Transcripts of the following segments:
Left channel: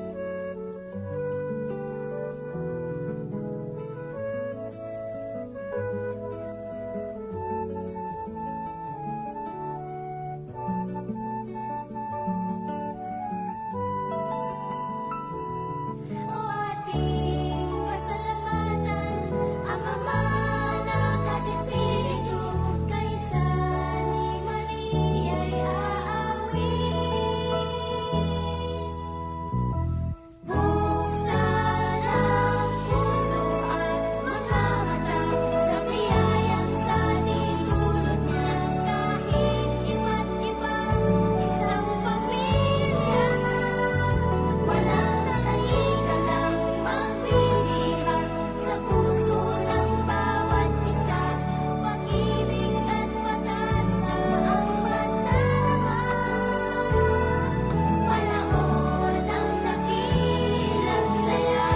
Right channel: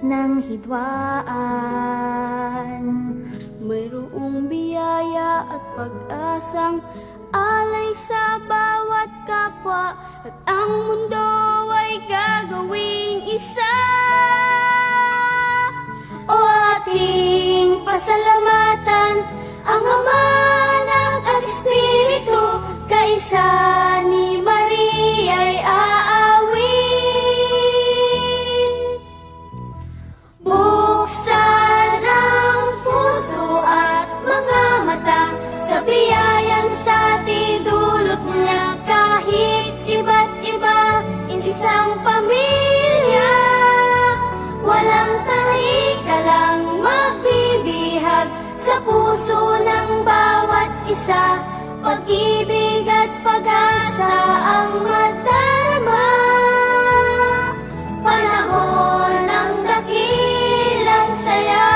ng hidwaan. Mayroong biyaya at pag-asang alay sa bawat kapwa, at ang mundo ay gagawing isa. O ating pasalamatan ang Ama, Anak at Espiritu, kaisa ni Maria'y aawit. Buksan ang puso at mga mata sa biyayang sa ating dulot niya. Kahit iba't iba, isang pamilya, walang lang magbibihag sa puso ng bawat isa. Pag-ibig at pag-asa ang madarama, panahon ng dakilang saya.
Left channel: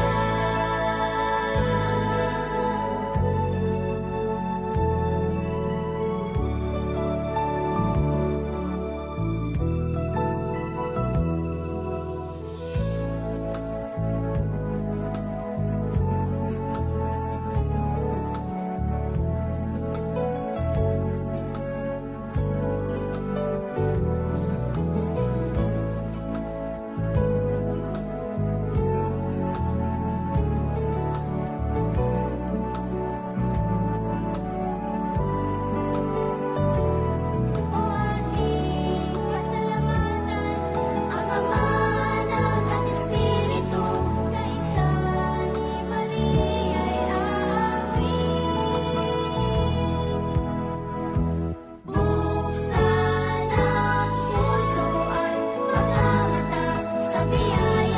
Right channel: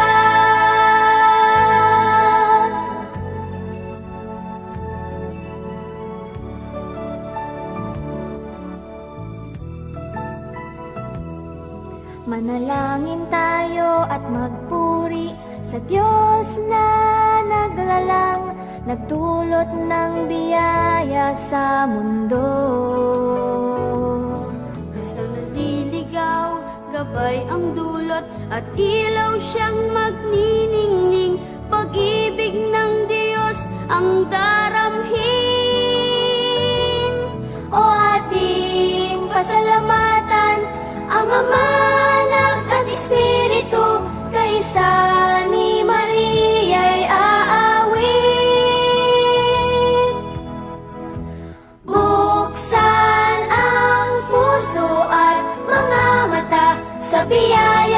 Manalangin tayo at magpuri sa Diyos na naglalang, nagdulot ng biyaya sa mundo. Liligaw, gabay ang dulot, at ilaw siyang magniningning. Pag-ibig ng Diyos ang daramhin. O ating pasalamatan ang Ama, Anak at Espiritu, kaisa ni Maria'y aawit. Buksan ang puso at mga mata sa biyaya